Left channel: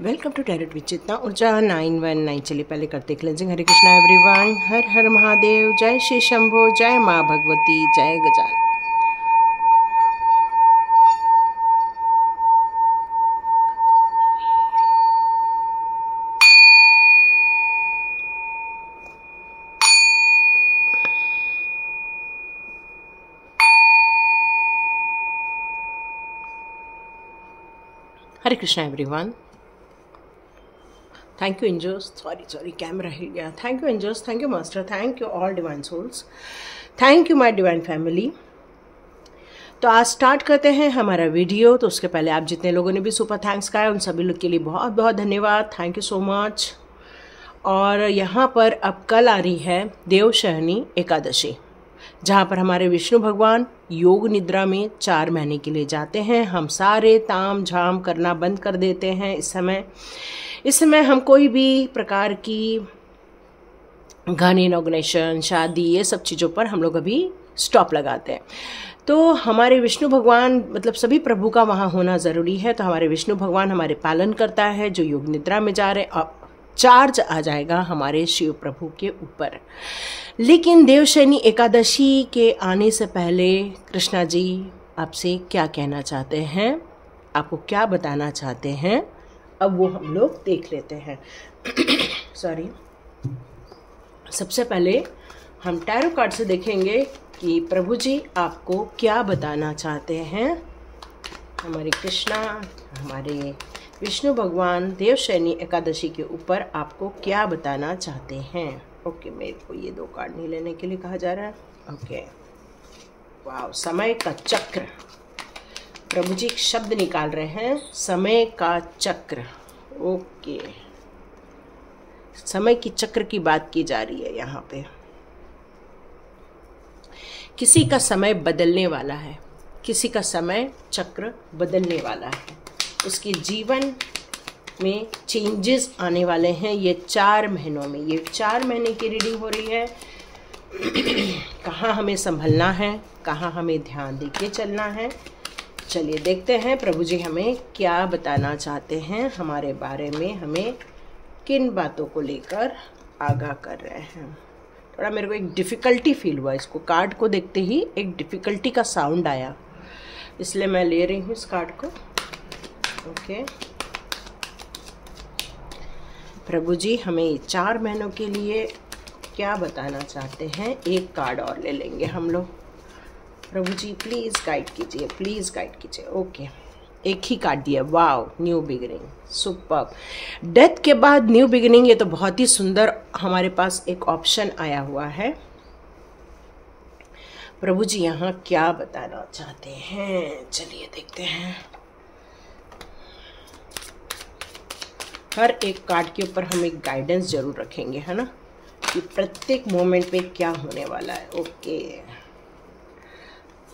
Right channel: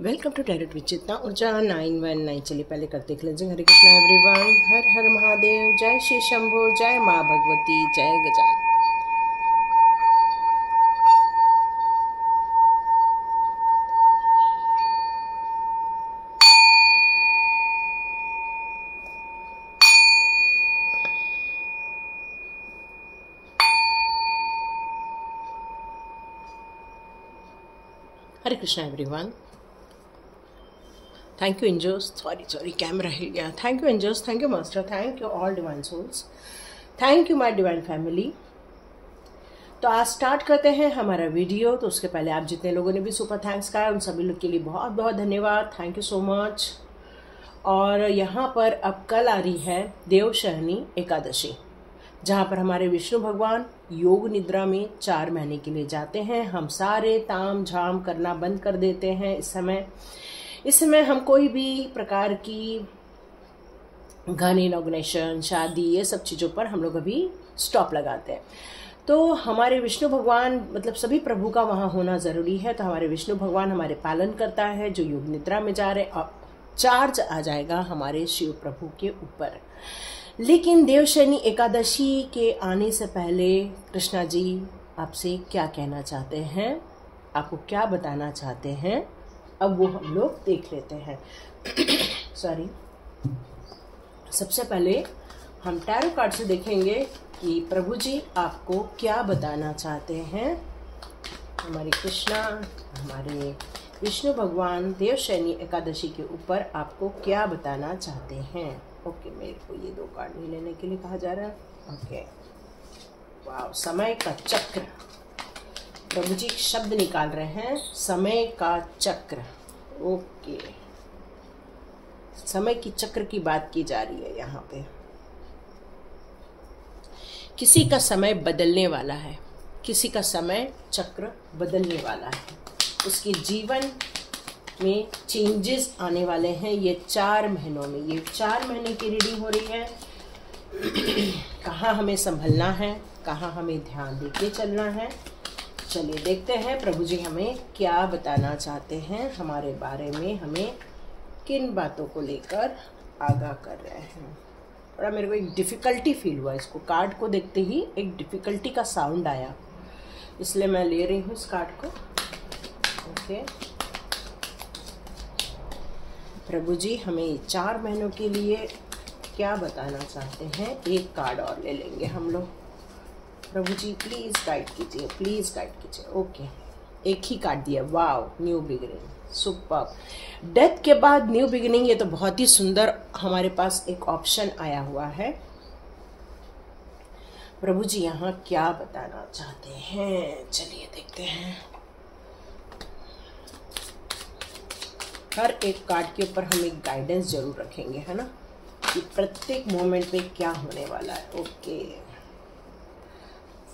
Welcome to tarot with Chetna Urja 919। चलिए पहले करते क्लेंजिंग। हरे कृष्णा एवरीवन, हर हर महादेव, जय श्री शंभो, जय माँ भगवती, जय Gajanan. Hare Krishna everyone. Thank you angels, sorry camera हिल गया। Thank you angels, thank you master, thank you all divine souls, thank you my divine family. तो आज स्टार्ट करते हैं हमारा वीडियो। तो उसके पहले आप जितने लोगों ने भी सुपर थैंक्स कहा है उन सभी लोग के लिए बहुत बहुत धन्यवाद, थैंक यू सो मच। और यहाँ पर अब कल आ रही है देवशयनी एकादशी, जहाँ पर हमारे विष्णु भगवान योग निद्रा में 4 महीने के लिए जाते हैं। हम सारे ताम झाम करना बंद कर देते हैं। इस समय हम कोई भी प्रकार की घन इनॉग्रेशन, शादी, ये सब चीज़ों पर हम लोग अभी स्टॉप लगाते हैं। तो हमारे विष्णु भगवान मतलब सभी प्रभु का वहाँ होना ज़रूरी है। तो हमारे विष्णु भगवान हमारे पालन करता है, जो योग निद्रा में जा रहे हैं। अब चार्ज आ जाएगा हमारे शिव प्रभु के ऊपर। लेकिन देवशयनी एकादशी के आने से पहले कृष्णा जी आपसे क्या कहना चाहते हैं, आपको क्या बताना चाहते हैं, अब वो हम लोग देख लेते हैं। सॉरी, सबसे पहले हम टैरो कार्ड से देखेंगे कि प्रभु जी आपको क्या बताना चाहते हैं। हमारे कृष्णा, हमारे विष्णु भगवान देवशयनी एकादशी के ऊपर आपको क्या बताना चाहते हैं। ओके, मेरे को ये 2 कार्ड नहीं लेने के लिए कहा जा रहा है। ओके, वाह, समय का चक्र। प्रभु जी शब्द निकाल रहे हैं, समय का चक्र। ओके, समय की चक्र की बात की जा रही है यहाँ पे। किसी का समय बदलने वाला है, किसी का समय चक्र बदलने वाला है, उसके जीवन में चेंजेस आने वाले हैं ये 4 महीनों में। ये 4 महीने की रीडिंग हो रही है। कहाँ हमें संभलना है, कहाँ हमें ध्यान देके चलना है। चलिए देखते हैं प्रभु जी हमें क्या बताना चाहते हैं हमारे बारे में, हमें किन बातों को लेकर आगाह कर रहे हैं। थोड़ा मेरे को एक डिफ़िकल्टी फील हुआ, इसको कार्ड को देखते ही एक डिफ़िकल्टी का साउंड आया, इसलिए मैं ले रही हूँ इस कार्ड को। ओके, प्रभु जी हमें 4 महीनों के लिए क्या बताना चाहते हैं। एक कार्ड और ले लेंगे हम लोग। प्रभु जी प्लीज़ गाइड कीजिए, प्लीज़ गाइड कीजिए। ओके, एक ही कार्ड दिया। Wow, new beginning, super. Death के बाद न्यू बिगिनिंग, ये तो बहुत ही सुंदर हमारे पास एक ऑप्शन आया हुआ है। प्रभु जी यहाँ क्या बताना चाहते हैं, चलिए देखते हैं। हर एक कार्ड के ऊपर हम एक गाइडेंस जरूर रखेंगे, है ना, कि प्रत्येक मोमेंट में क्या होने वाला है। ओके,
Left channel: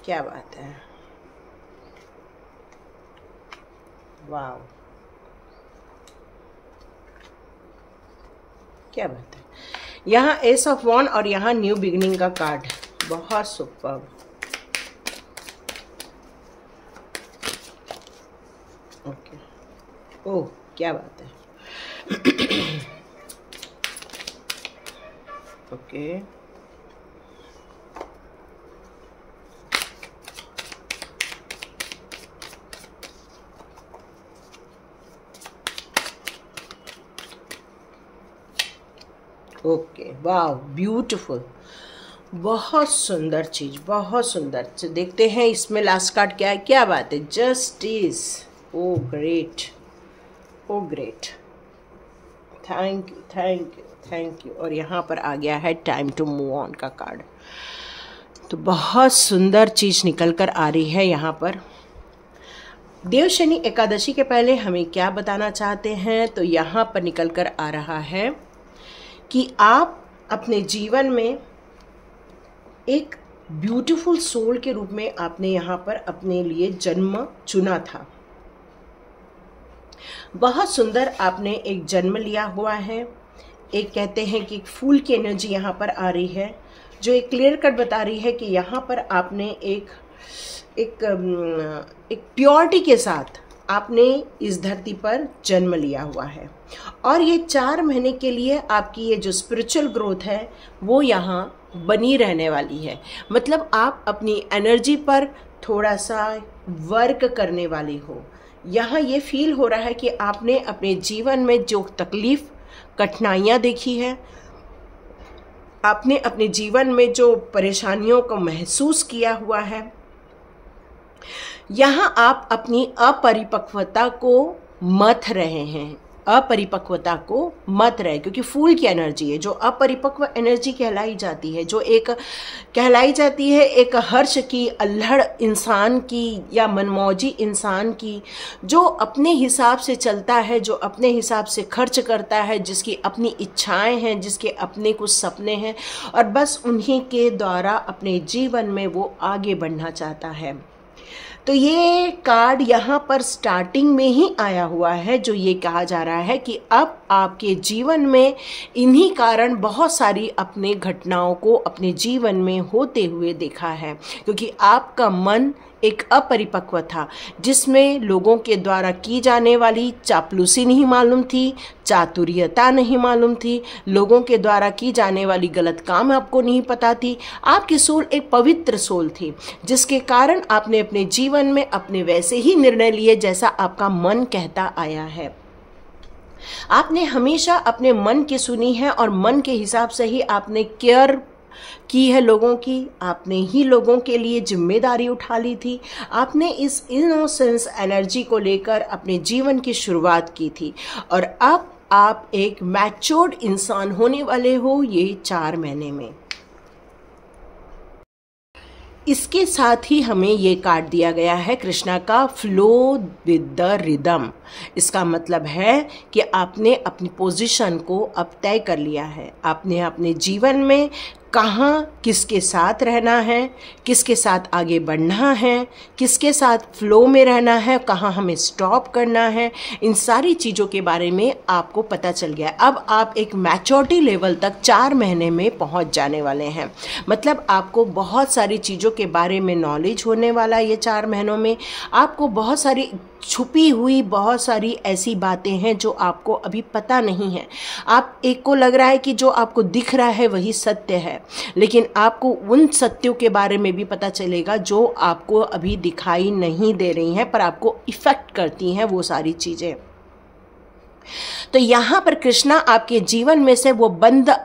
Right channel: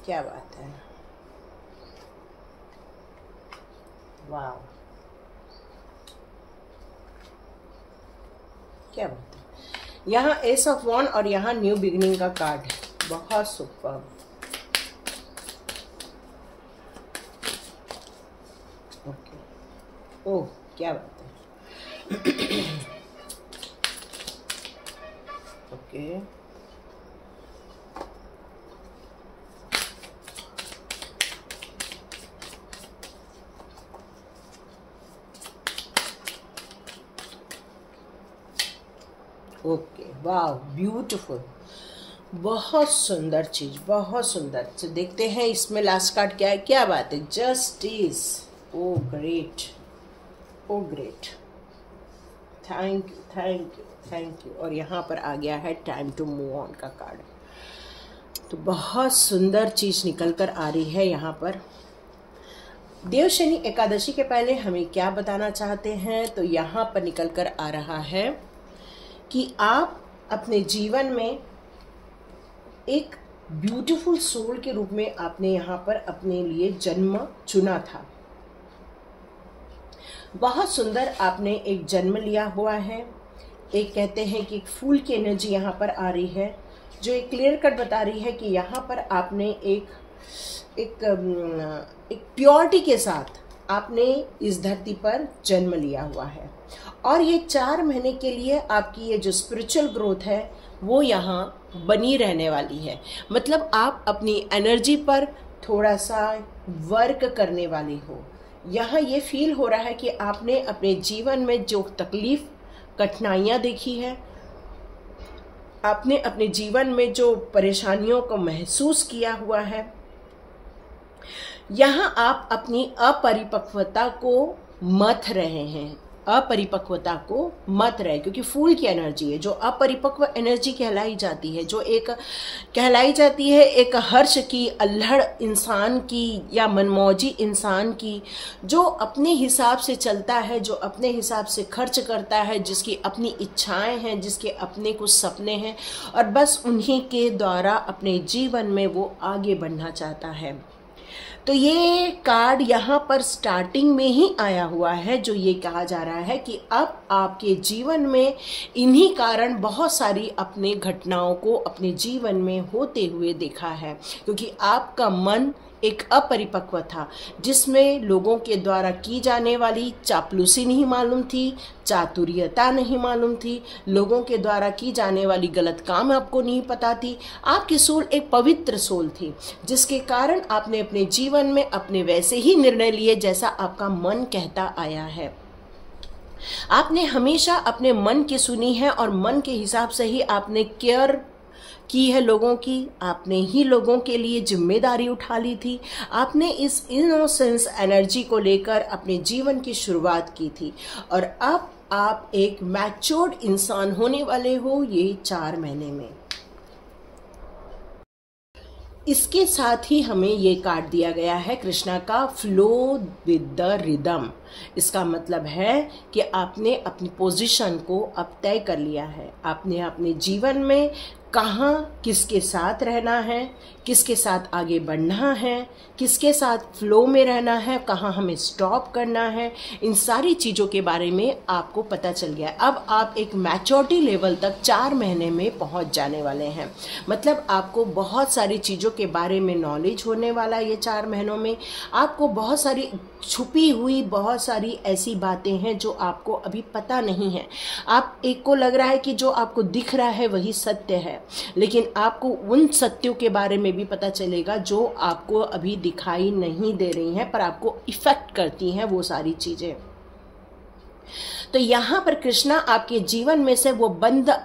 क्या बात है, वाव, क्या बात है। यहाँ एस ऑफ वॉन्ड और यहाँ न्यू बिगिनिंग का कार्ड, बहुत सुपर। ओके, ओह क्या बात है। ओके, ओके, वाह, ब्यूटीफुल, बहुत सुंदर चीज, बहुत सुंदर। देखते हैं इसमें लास्ट कार्ड क्या है। क्या बात है, justice. Oh great, oh great, thank you, thank you, thank you. और यहाँ पर आ गया है टाइम टू मूव ऑन का कार्ड। तो बहुत सुंदर चीज निकल कर आ रही है यहाँ पर। देवशयनी एकादशी के पहले हमें क्या बताना चाहते हैं, तो यहाँ पर निकल कर आ रहा है कि आप अपने जीवन में एक ब्यूटीफुल सोल के रूप में आपने यहाँ पर अपने लिए जन्म चुना था। बहुत सुंदर आपने एक जन्म लिया हुआ है। एक कहते हैं कि एक फूल की एनर्जी यहाँ पर आ रही है, जो एक क्लियर कट बता रही है कि यहाँ पर आपने एक प्योरिटी के साथ आपने इस धरती पर जन्म लिया हुआ है और ये 4 महीने के लिए आपकी ये जो स्पिरिचुअल ग्रोथ है वो यहाँ बनी रहने वाली है। मतलब आप अपनी एनर्जी पर थोड़ा सा वर्क करने वाली हो। यहाँ ये फील हो रहा है कि आपने अपने जीवन में जो तकलीफ कठिनाइयाँ देखी है, आपने अपने जीवन में जो परेशानियों को महसूस किया हुआ है, यहाँ आप अपनी अपरिपक्वता को मथ रहे हैं, अपरिपक्वता को मत रहे, क्योंकि फूल की एनर्जी है जो अपरिपक्व एनर्जी कहलाई जाती है, जो एक कहलाई जाती है एक हर्ष की, अल्हड़ इंसान की या मनमौजी इंसान की, जो अपने हिसाब से चलता है, जो अपने हिसाब से खर्च करता है, जिसकी अपनी इच्छाएं हैं, जिसके अपने कुछ सपने हैं और बस उन्हीं के द्वारा अपने जीवन में वो आगे बढ़ना चाहता है। तो ये कार्ड यहाँ पर स्टार्टिंग में ही आया हुआ है, जो ये कहा जा रहा है कि अब आपके जीवन में इन्हीं कारण बहुत सारी अपने घटनाओं को अपने जीवन में होते हुए देखा है, क्योंकि आपका मन एक अपरिपक्व था, जिसमें लोगों के द्वारा की जाने वाली चापलूसी नहीं मालूम थी, चातुर्यता नहीं मालूम थी, लोगों के द्वारा की जाने वाली गलत काम आपको नहीं पता थी। आपकी सोल एक पवित्र सोल थी, जिसके कारण आपने अपने जीवन में अपने वैसे ही निर्णय लिए जैसा आपका मन कहता आया है। आपने हमेशा अपने मन की सुनी है और मन के हिसाब से ही आपने केयर की है लोगों की, आपने ही लोगों के लिए जिम्मेदारी उठा ली थी। आपने इस इनोसेंस एनर्जी को लेकर अपने जीवन की शुरुआत की थी और अब आप एक मैच्योर्ड इंसान होने वाले हो ये 4 महीने में। इसके साथ ही हमें ये कार्ड दिया गया है कृष्णा का फ्लो विद द रिदम। इसका मतलब है कि आपने अपनी पोजीशन को अब तय कर लिया है। आपने अपने जीवन में कहाँ किसके साथ रहना है, किसके साथ आगे बढ़ना है, किसके साथ फ्लो में रहना है, कहाँ हमें स्टॉप करना है, इन सारी चीज़ों के बारे में आपको पता चल गया है। अब आप एक मैच्योरिटी लेवल तक 4 महीने में पहुंच जाने वाले हैं। मतलब आपको बहुत सारी चीज़ों के बारे में नॉलेज होने वाला है। ये 4 महीनों में आपको बहुत सारी छुपी हुई बहुत सारी ऐसी बातें हैं जो आपको अभी पता नहीं है। आप एक को लग रहा है कि जो आपको दिख रहा है वही सत्य है, लेकिन आपको उन सत्यों के बारे में भी पता चलेगा जो आपको अभी दिखाई नहीं दे रही हैं, पर आपको इफेक्ट करती हैं वो सारी चीजें। तो यहाँ पर कृष्णा आपके जीवन में से वो बंद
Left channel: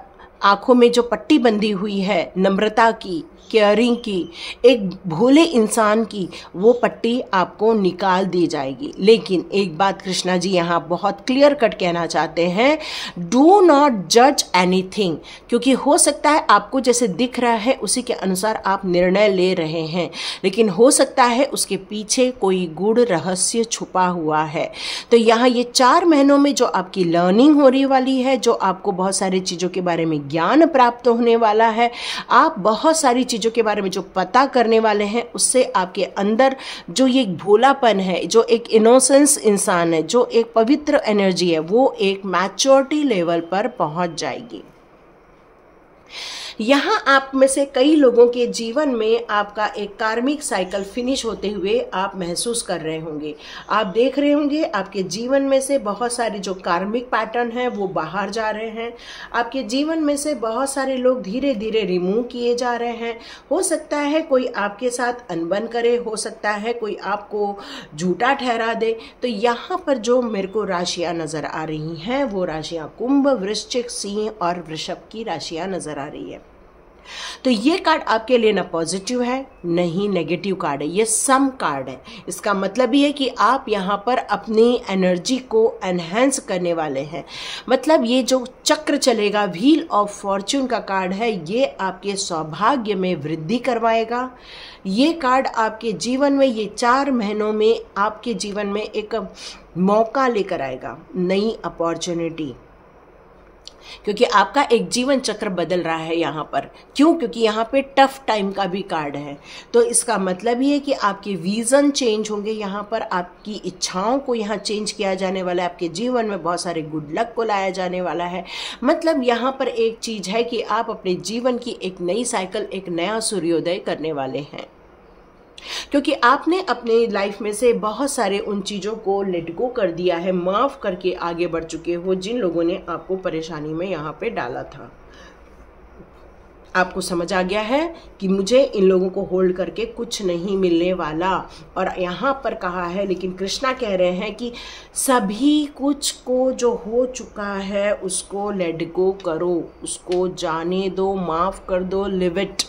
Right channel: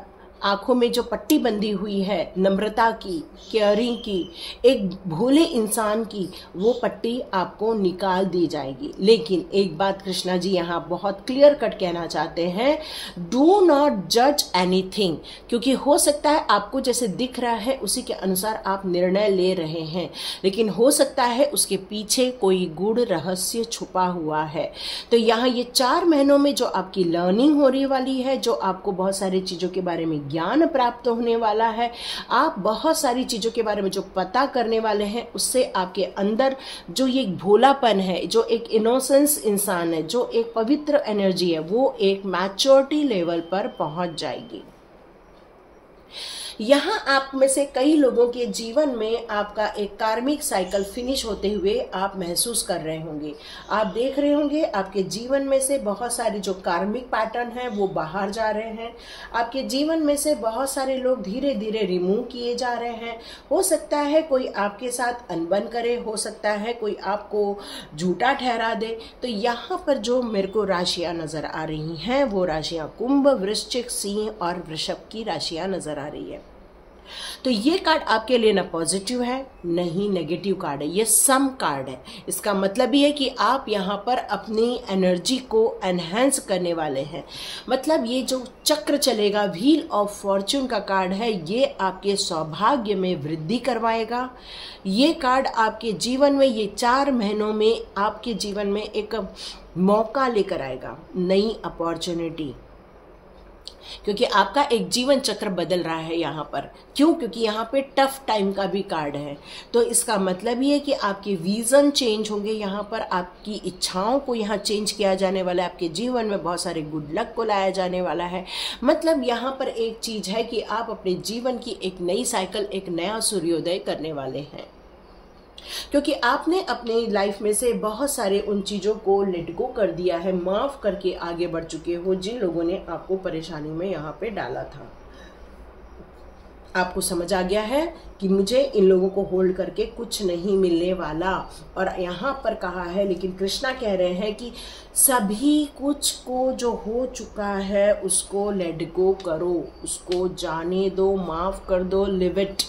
आंखों में जो पट्टी बंधी हुई है नम्रता की, केयरिंग की, एक भोले इंसान की, वो पट्टी आपको निकाल दी जाएगी। लेकिन एक बात कृष्णा जी यहाँ बहुत क्लियर कट कहना चाहते हैं, डू नॉट जज एनीथिंग, क्योंकि हो सकता है आपको जैसे दिख रहा है उसी के अनुसार आप निर्णय ले रहे हैं, लेकिन हो सकता है उसके पीछे कोई गूढ़ रहस्य छुपा हुआ है। तो यहाँ ये 4 महीनों में जो आपकी लर्निंग हो रही वाली है, जो आपको बहुत सारी चीज़ों के बारे में ज्ञान प्राप्त होने वाला है, आप बहुत सारी चीज़ों के बारे में जो पता करने वाले हैं, उससे आपके अंदर जो ये भोलापन है, जो एक इनोसेंस इंसान है, जो एक पवित्र एनर्जी है, वो एक मैच्योरिटी लेवल पर पहुंच जाएगी। यहाँ आप में से कई लोगों के जीवन में आपका एक कार्मिक साइकिल फिनिश होते हुए आप महसूस कर रहे होंगे। आप देख रहे होंगे आपके जीवन में से बहुत सारे जो कार्मिक पैटर्न हैं वो बाहर जा रहे हैं। आपके जीवन में से बहुत सारे लोग धीरे धीरे रिमूव किए जा रहे हैं। हो सकता है कोई आपके साथ अनबन करे, हो सकता है कोई आपको झूठा ठहरा दे। तो यहाँ पर जो मेरे को राशियाँ नजर आ रही हैं वो राशियाँ कुंभ, वृश्चिक, सिंह और वृषभ की राशियाँ नजर आ रही है। तो ये कार्ड आपके लिए ना पॉजिटिव है नहीं नेगेटिव कार्ड है, ये सम कार्ड है। इसका मतलब ये है कि आप यहाँ पर अपनी एनर्जी को एनहेंस करने वाले हैं। मतलब ये जो चक्र चलेगा, व्हील ऑफ फॉर्च्यून का कार्ड है, ये आपके सौभाग्य में वृद्धि करवाएगा। ये कार्ड आपके जीवन में ये 4 महीनों में आपके जीवन में एक मौका लेकर आएगा, नई अपॉर्चुनिटी, क्योंकि आपका एक जीवन चक्र बदल रहा है यहाँ पर। क्यों? क्योंकि यहाँ पे टफ टाइम का भी कार्ड है। तो इसका मतलब ये है कि आपके विजन चेंज होंगे, यहाँ पर आपकी इच्छाओं को यहाँ चेंज किया जाने वाला है, आपके जीवन में बहुत सारे गुड लक को लाया जाने वाला है। मतलब यहाँ पर एक चीज है कि आप अपने जीवन की एक नई साइकिल, एक नया सूर्योदय करने वाले हैं। क्योंकि आपने अपने लाइफ में से बहुत सारे उन चीज़ों को लेट गो कर दिया है, माफ़ करके आगे बढ़ चुके हो जिन लोगों ने आपको परेशानी में यहाँ पे डाला था। आपको समझ आ गया है कि मुझे इन लोगों को होल्ड करके कुछ नहीं मिलने वाला। और यहाँ पर कहा है, लेकिन कृष्णा कह रहे हैं कि सभी कुछ को जो हो चुका है उसको लेट गो करो, उसको जाने दो, माफ़ कर दो, लिव इट।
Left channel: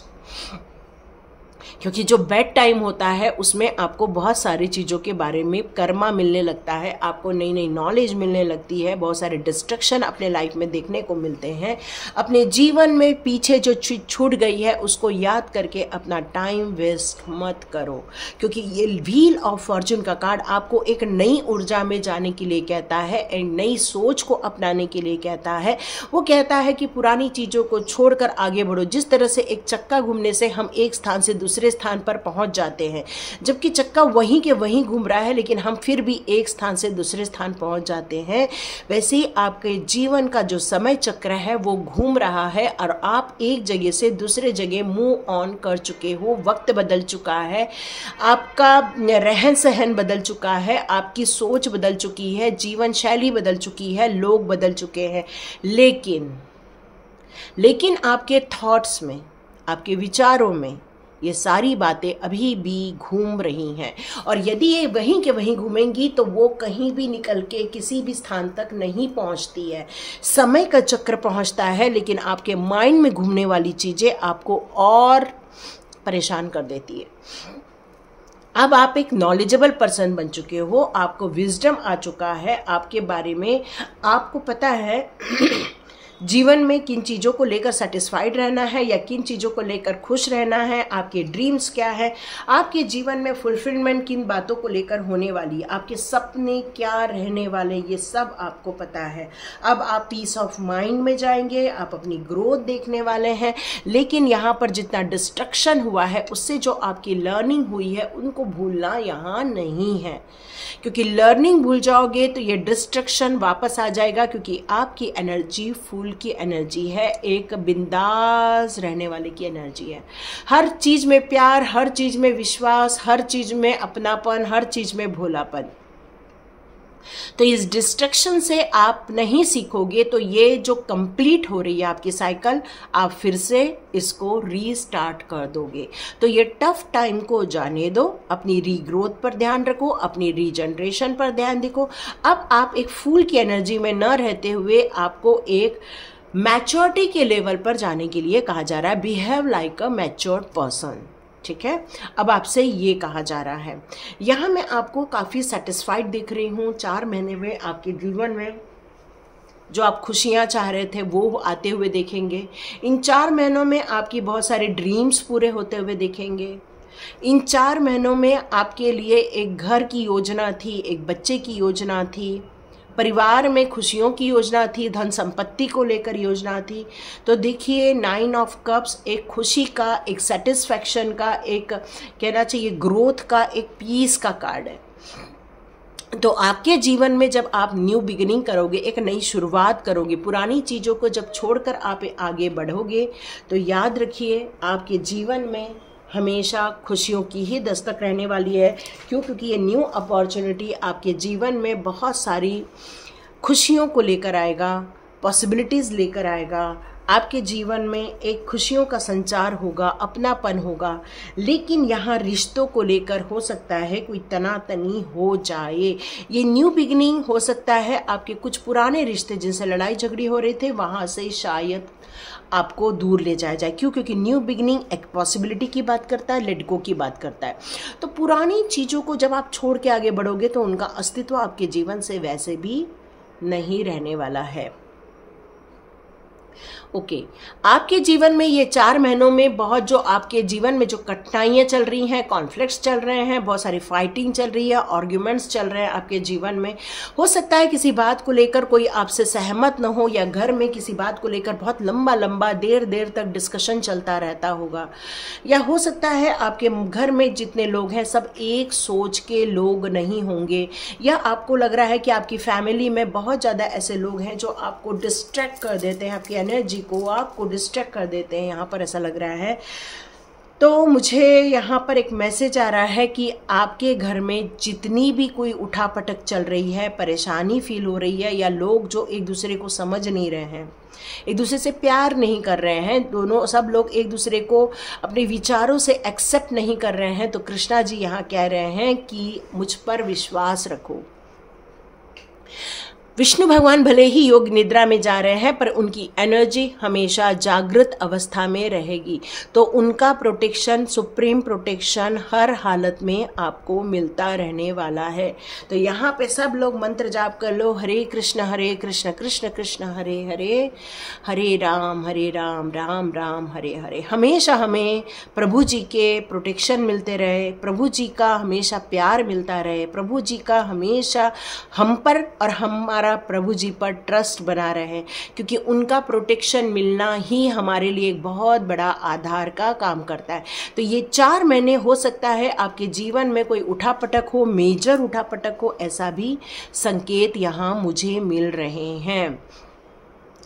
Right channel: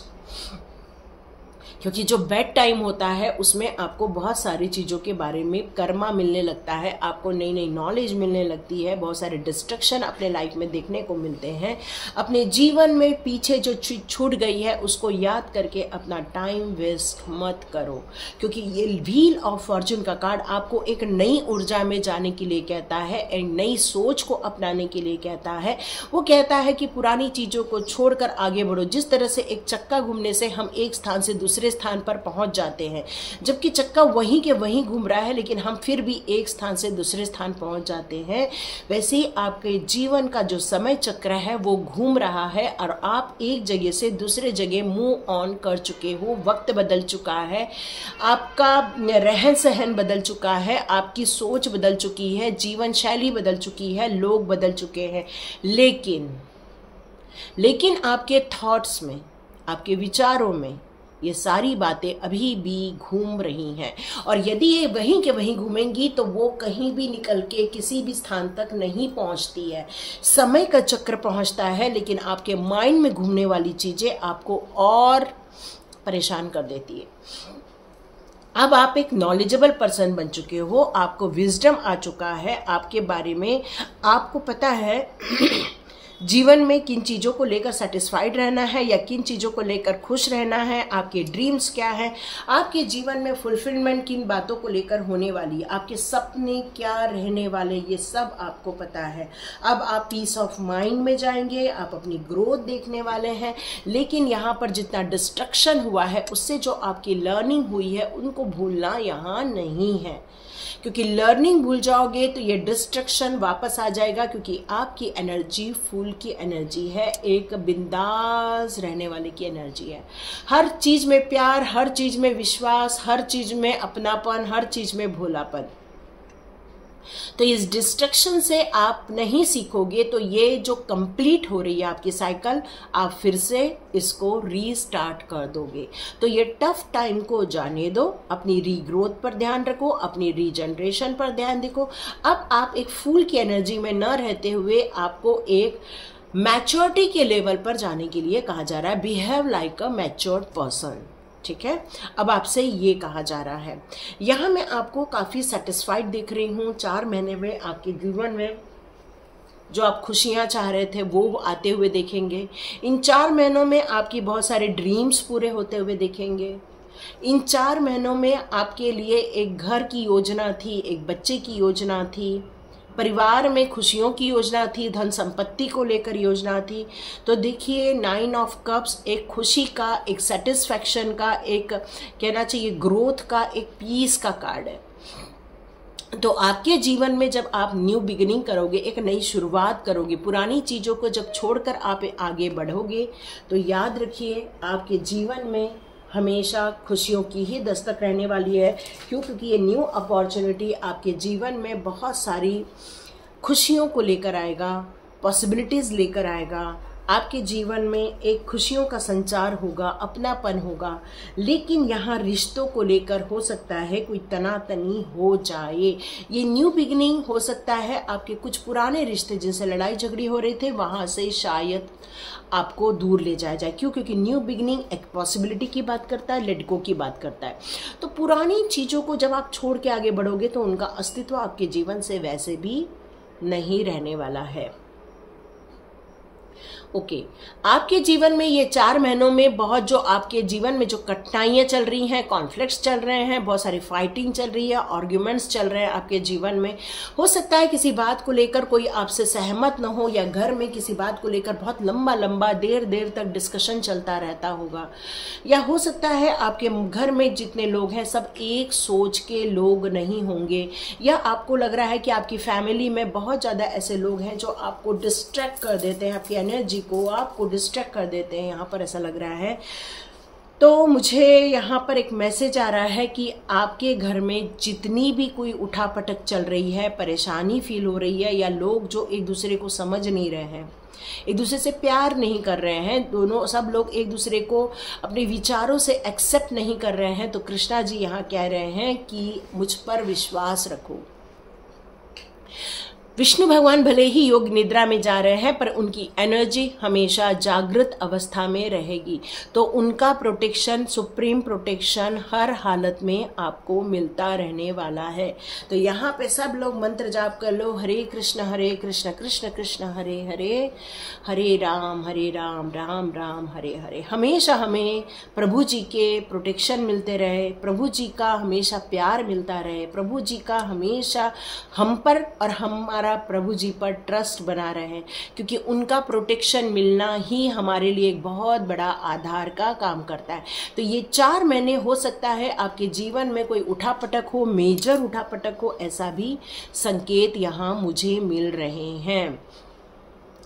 क्योंकि जो बेड टाइम होता है उसमें आपको बहुत सारी चीज़ों के बारे में कर्मा मिलने लगता है, आपको नई नई नॉलेज मिलने लगती है, बहुत सारे डिस्ट्रक्शन अपने लाइफ में देखने को मिलते हैं। अपने जीवन में पीछे जो छूट गई है उसको याद करके अपना टाइम वेस्ट मत करो, क्योंकि ये व्हील ऑफ फॉर्चून का कार्ड आपको एक नई ऊर्जा में जाने के लिए कहता है, एक नई सोच को अपनाने के लिए कहता है। वो कहता है कि पुरानी चीज़ों को छोड़कर आगे बढ़ो। जिस तरह से एक चक्का घूमने से हम एक स्थान से दूसरे स्थान पर पहुंच जाते हैं, जबकि चक्का वहीं के वहीं घूम रहा है लेकिन हम फिर भी एक स्थान से दूसरे स्थान पहुंच जाते हैं, वैसे ही आपके जीवन का जो समय चक्र है वो घूम रहा है और आप एक जगह से दूसरे जगह मूव ऑन कर चुके हो। वक्त बदल चुका है, आपका रहन सहन बदल चुका है, आपकी सोच बदल चुकी है, जीवन शैली बदल चुकी है, लोग बदल चुके हैं, लेकिन आपके थॉट्स में, आपके विचारों में ये सारी बातें अभी भी घूम रही हैं। और यदि ये वहीं के वहीं घूमेंगी तो वो कहीं भी निकल के किसी भी स्थान तक नहीं पहुंचती है। समय का चक्र पहुंचता है लेकिन आपके माइंड में घूमने वाली चीजें आपको और परेशान कर देती है। अब आप एक नॉलेजेबल पर्सन बन चुके हो, आपको विजडम आ चुका है आपके बारे में, आपको पता है जीवन में किन चीज़ों को लेकर सेटिस्फाइड रहना है या किन चीज़ों को लेकर खुश रहना है, आपके ड्रीम्स क्या है, आपके जीवन में फुलफिलमेंट किन बातों को लेकर होने वाली है, आपके सपने क्या रहने वाले, ये सब आपको पता है। अब आप पीस ऑफ माइंड में जाएंगे, आप अपनी ग्रोथ देखने वाले हैं। लेकिन यहाँ पर जितना डिस्ट्रक्शन हुआ है उससे जो आपकी लर्निंग हुई है उनको भूलना यहाँ नहीं है, क्योंकि लर्निंग भूल जाओगे तो ये डिस्ट्रक्शन वापस आ जाएगा। क्योंकि आपकी एनर्जी फूल की एनर्जी है, एक बिंदास रहने वाले की एनर्जी है। हर चीज में प्यार, हर चीज में विश्वास, हर चीज में अपनापन, हर चीज में भोलापन। तो इस डिस्ट्रक्शन से आप नहीं सीखोगे तो ये जो कंप्लीट हो रही है आपकी साइकिल, आप फिर से इसको रीस्टार्ट कर दोगे। तो ये टफ टाइम को जाने दो, अपनी रीग्रोथ पर ध्यान रखो, अपनी रीजनरेशन पर ध्यान देखो। अब आप एक फूल की एनर्जी में न रहते हुए आपको एक मैच्योरिटी के लेवल पर जाने के लिए कहा जा रहा है, बिहेव लाइक अ मैच्योर्ड पर्सन। ठीक है, अब आपसे ये कहा जा रहा है, यहाँ मैं आपको काफ़ी सेटिस्फाइड दिख रही हूँ। 4 महीने में आपके जीवन में जो आप खुशियाँ चाह रहे थे वो आते हुए देखेंगे। इन 4 महीनों में आपकी बहुत सारे ड्रीम्स पूरे होते हुए देखेंगे। इन 4 महीनों में आपके लिए एक घर की योजना थी, एक बच्चे की योजना थी, परिवार में खुशियों की योजना थी, धन संपत्ति को लेकर योजना थी। तो देखिए 9 ऑफ कप्स एक खुशी का, एक सेटिस्फैक्शन का, एक कहना चाहिए ग्रोथ का, एक पीस का कार्ड है। तो आपके जीवन में जब आप न्यू बिगिनिंग करोगे, एक नई शुरुआत करोगे, पुरानी चीज़ों को जब छोड़कर आप आगे बढ़ोगे, तो याद रखिए आपके जीवन में हमेशा खुशियों की ही दस्तक रहने वाली है। क्यों? क्योंकि ये न्यू अपॉर्चुनिटी आपके जीवन में बहुत सारी खुशियों को लेकर आएगा, पॉसिबिलिटीज़ लेकर आएगा। आपके जीवन में एक खुशियों का संचार होगा, अपनापन होगा। लेकिन यहाँ रिश्तों को लेकर हो सकता है कोई तनातनी हो जाए। ये न्यू बिगिनिंग हो सकता है आपके कुछ पुराने रिश्ते जिनसे लड़ाई झगड़ी हो रहे थे वहाँ से शायद आपको दूर ले जाया जाए। क्यों? क्योंकि न्यू बिगिनिंग एक पॉसिबिलिटी की बात करता है, लेट गो की बात करता है। तो पुरानी चीज़ों को जब आप छोड़ के आगे बढ़ोगे तो उनका अस्तित्व आपके जीवन से वैसे भी नहीं रहने वाला है। ओके, आपके जीवन में ये 4 महीनों में बहुत जो आपके जीवन में जो कठिनाइयाँ चल रही हैं, कॉन्फ्लिक्ट्स चल रहे हैं, बहुत सारी फाइटिंग चल रही है, आर्ग्यूमेंट्स चल रहे हैं आपके जीवन में। हो सकता है किसी बात को लेकर कोई आपसे सहमत न हो, या घर में किसी बात को लेकर बहुत लंबा लंबा देर तक डिस्कशन चलता रहता होगा। या हो सकता है आपके घर में जितने लोग हैं सब एक सोच के लोग नहीं होंगे, या आपको लग रहा है कि आपकी फैमिली में बहुत ज़्यादा ऐसे लोग हैं जो आपको डिस्ट्रैक्ट कर देते हैं, आपकी एनर्जी को आपको डिस्ट्रैक्ट कर देते हैं। यहाँ पर ऐसा लग रहा है तो मुझे यहाँ पर एक मैसेज आ रहा है कि आपके घर में जितनी भी कोई उठापटक चल रही है, परेशानी फील हो रही है, या लोग जो एक दूसरे को समझ नहीं रहे हैं, एक दूसरे से प्यार नहीं कर रहे हैं, दोनों सब लोग एक दूसरे को अपने विचारों से एक्सेप्ट नहीं कर रहे हैं, तो कृष्णा जी यहाँ कह रहे हैं कि मुझ पर विश्वास रखो। विष्णु भगवान भले ही योग निद्रा में जा रहे हैं, पर उनकी एनर्जी हमेशा जागृत अवस्था में रहेगी, तो उनका प्रोटेक्शन, सुप्रीम प्रोटेक्शन हर हालत में आपको मिलता रहने वाला है। तो यहाँ पे सब लोग मंत्र जाप कर लो, हरे कृष्ण कृष्ण कृष्ण हरे हरे, हरे राम राम राम हरे हरे। हमेशा हमें प्रभु जी के प्रोटेक्शन मिलते रहे, प्रभु जी का हमेशा प्यार मिलता रहे, प्रभु जी का हमेशा हम पर और हमारा प्रभु जी पर ट्रस्ट बना रहे, क्योंकि उनका प्रोटेक्शन मिलना ही हमारे लिए एक बहुत बड़ा आधार का काम करता है। तो ये 4 महीने हो सकता है आपके जीवन में कोई उठापटक हो, मेजर उठापटक हो, ऐसा भी संकेत यहाँ मुझे मिल रहे हैं।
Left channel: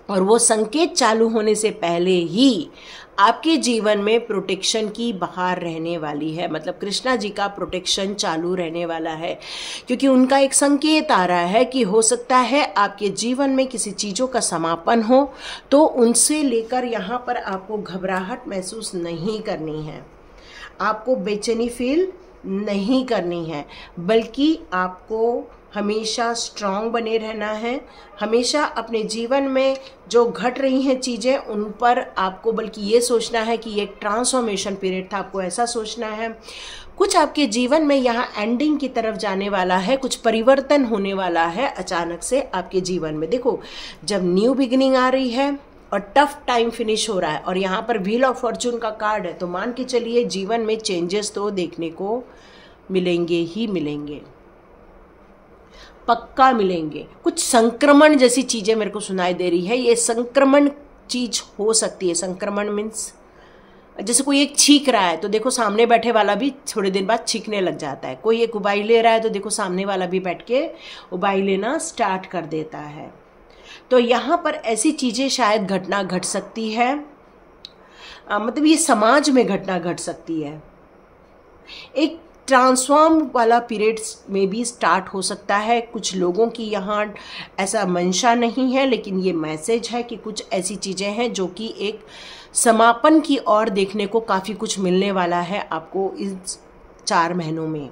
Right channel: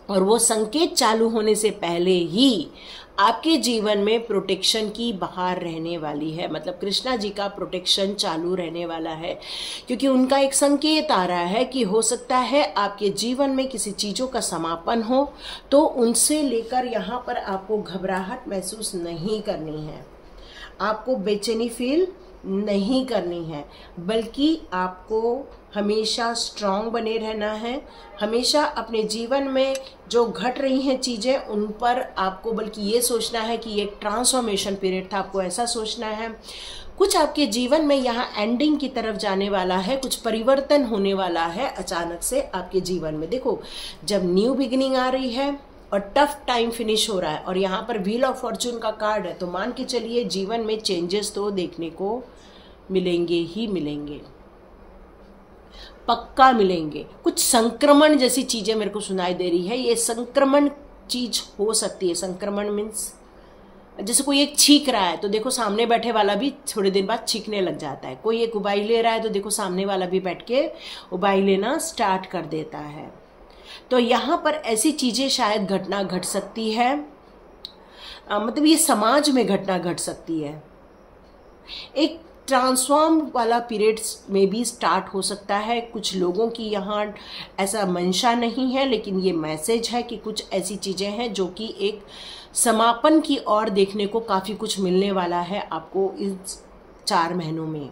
और वो संकेत चालू होने से पहले ही आपके जीवन में प्रोटेक्शन की बहार रहने वाली है, मतलब कृष्णा जी का प्रोटेक्शन चालू रहने वाला है, क्योंकि उनका एक संकेत आ रहा है कि हो सकता है आपके जीवन में किसी चीज़ों का समापन हो, तो उनसे लेकर यहाँ पर आपको घबराहट महसूस नहीं करनी है, आपको बेचैनी फील नहीं करनी है, बल्कि आपको हमेशा स्ट्रांग बने रहना है। हमेशा अपने जीवन में जो घट रही हैं चीज़ें, उन पर आपको बल्कि ये सोचना है कि ये एक ट्रांसफॉर्मेशन पीरियड था, आपको ऐसा सोचना है। कुछ आपके जीवन में यहाँ एंडिंग की तरफ जाने वाला है, कुछ परिवर्तन होने वाला है अचानक से आपके जीवन में। देखो, जब न्यू बिगिनिंग आ रही है और टफ टाइम फिनिश हो रहा है, और यहाँ पर व्हील ऑफ फॉर्चून का कार्ड है, तो मान के चलिए जीवन में चेंजेस तो देखने को मिलेंगे ही मिलेंगे, पक्का मिलेंगे। कुछ संक्रमण जैसी चीजें मेरे को सुनाई दे रही है, ये संक्रमण चीज हो सकती है। संक्रमण मीन्स जैसे कोई एक छींक रहा है तो देखो सामने बैठे वाला भी थोड़ी देर बाद छींकने लग जाता है, कोई एक उबाई ले रहा है तो देखो सामने वाला भी बैठ के उबाई लेना स्टार्ट कर देता है। तो यहाँ पर ऐसी चीजें शायद घटना घट सकती है, मतलब ये समाज में घटना घट सकती है। एक ट्रांसफॉर्म वाला पीरियड में भी स्टार्ट हो सकता है। कुछ लोगों की यहाँ ऐसा मंशा नहीं है, लेकिन ये मैसेज है कि कुछ ऐसी चीज़ें हैं जो कि एक समापन की ओर देखने को काफ़ी कुछ मिलने वाला है आपको इस 4 महीनों में।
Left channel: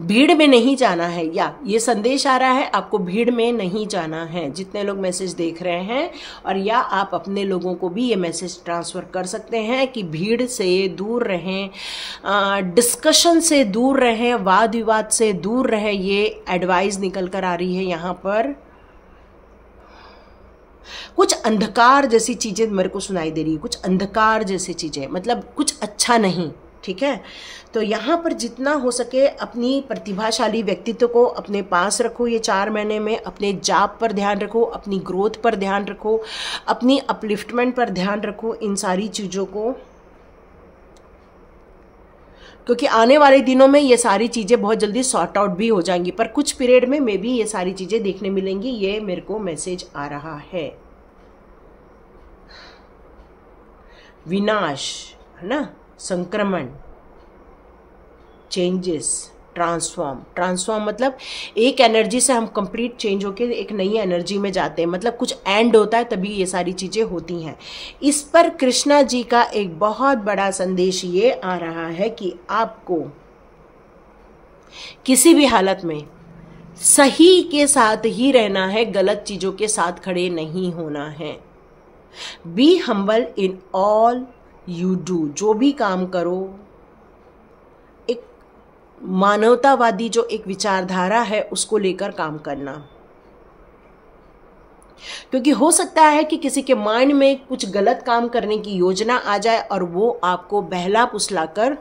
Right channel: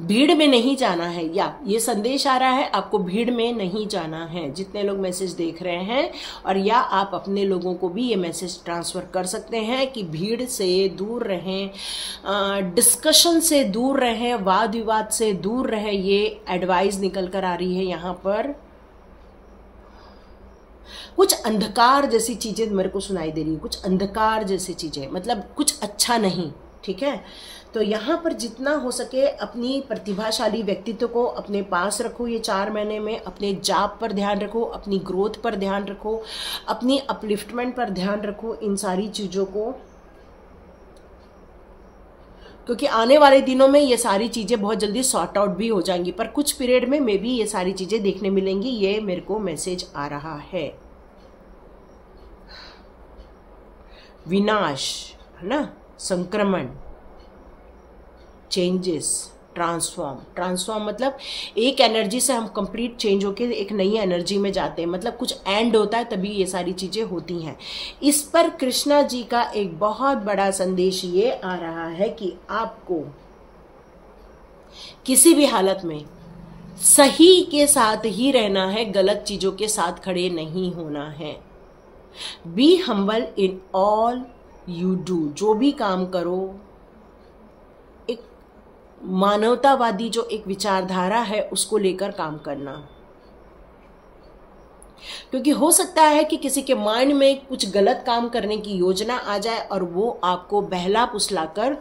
भीड़ में नहीं जाना है, या ये संदेश आ रहा है आपको भीड़ में नहीं जाना है, जितने लोग मैसेज देख रहे हैं, और या आप अपने लोगों को भी ये मैसेज ट्रांसफर कर सकते हैं कि भीड़ से दूर रहें, डिस्कशन से दूर रहें, वाद विवाद से दूर रहें। ये एडवाइस निकल कर आ रही है यहाँ पर। कुछ अंधकार जैसी चीजें मेरे को सुनाई दे रही है, कुछ अंधकार जैसी चीजें, मतलब कुछ अच्छा नहीं, ठीक है। तो यहाँ पर जितना हो सके अपनी प्रतिभाशाली व्यक्तित्व को अपने पास रखो। ये 4 महीने में अपने जाप पर ध्यान रखो, अपनी ग्रोथ पर ध्यान रखो, अपनी अपलिफ्टमेंट पर ध्यान रखो, इन सारी चीज़ों को, क्योंकि आने वाले दिनों में ये सारी चीज़ें बहुत जल्दी सॉर्ट आउट भी हो जाएंगी, पर कुछ पीरियड में मे बी ये सारी चीज़ें देखने मिलेंगी। ये मेरे को मैसेज आ रहा है। विनाश है ना, संक्रमण, चेंजेस, ट्रांसफॉर्म मतलब एक एनर्जी से हम कंप्लीट चेंज होकर एक नई एनर्जी में जाते हैं, मतलब कुछ एंड होता है तभी ये सारी चीजें होती हैं। इस पर कृष्णा जी का एक बहुत बड़ा संदेश ये आ रहा है कि आपको किसी भी हालत में सही के साथ ही रहना है, गलत चीजों के साथ खड़े नहीं होना है। Be humble in all you do, जो भी काम करो एक मानवतावादी जो एक विचारधारा है उसको लेकर काम करना, क्योंकि हो सकता है कि किसी के माइंड में कुछ गलत काम करने की योजना आ जाए और वो आपको बहला फुसलाकर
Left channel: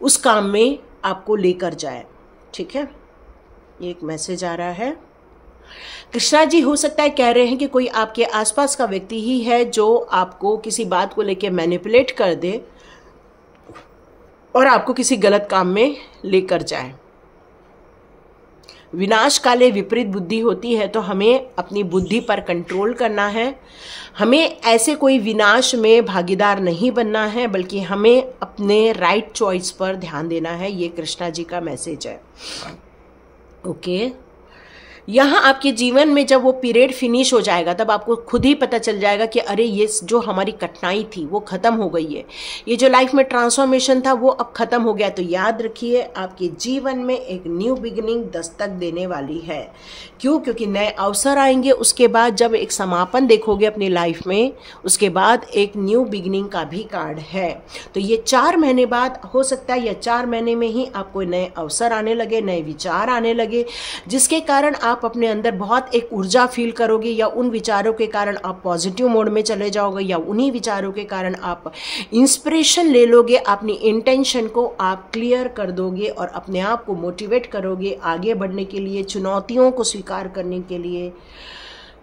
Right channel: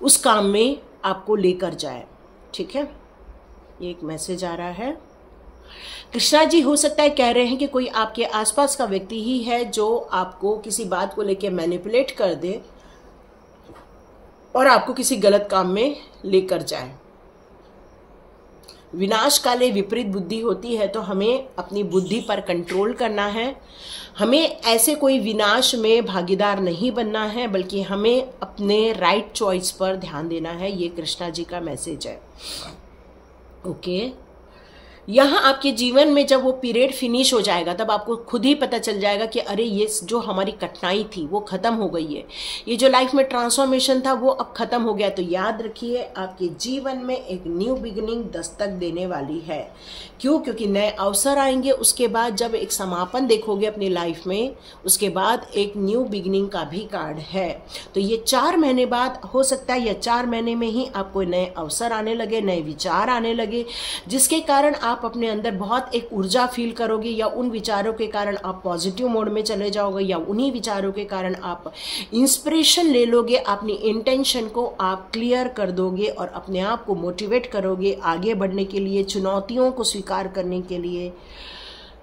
उस काम में आपको लेकर जाए, ठीक है। ये एक मैसेज आ रहा है। कृष्णा जी हो सकता है कह रहे हैं कि कोई आपके आसपास का व्यक्ति ही है जो आपको किसी बात को लेकर मैनिपुलेट कर दे और आपको किसी गलत काम में लेकर जाए। विनाश काले विपरीत बुद्धि होती है, तो हमें अपनी बुद्धि पर कंट्रोल करना है। हमें ऐसे कोई विनाश में भागीदार नहीं बनना है, बल्कि हमें अपने राइट चॉइस पर ध्यान देना है। ये कृष्णा जी का मैसेज है। ओके, यहाँ आपके जीवन में जब वो पीरियड फिनिश हो जाएगा, तब आपको खुद ही पता चल जाएगा कि अरे ये जो हमारी कठिनाई थी वो खत्म हो गई है, ये जो लाइफ में ट्रांसफॉर्मेशन था वो अब खत्म हो गया। तो याद रखिए, आपके जीवन में एक न्यू बिगिनिंग दस्तक देने वाली है। क्यों? क्योंकि नए अवसर आएंगे। उसके बाद जब एक समापन देखोगे अपनी लाइफ में, उसके बाद एक न्यू बिगिनिंग का भी कार्ड है। तो ये 4 महीने बाद हो सकता है, या 4 महीने में ही आपको नए अवसर आने लगे, नए विचार आने लगे, जिसके कारण आप अपने अंदर बहुत एक ऊर्जा फील करोगे, या उन विचारों के कारण आप पॉजिटिव मोड में चले जाओगे, या उन्हीं विचारों के कारण आप इंस्पिरेशन ले लोगे, अपनी इंटेंशन को आप क्लियर कर दोगे और अपने आप को मोटिवेट करोगे आगे बढ़ने के लिए, चुनौतियों को स्वीकार करने के लिए।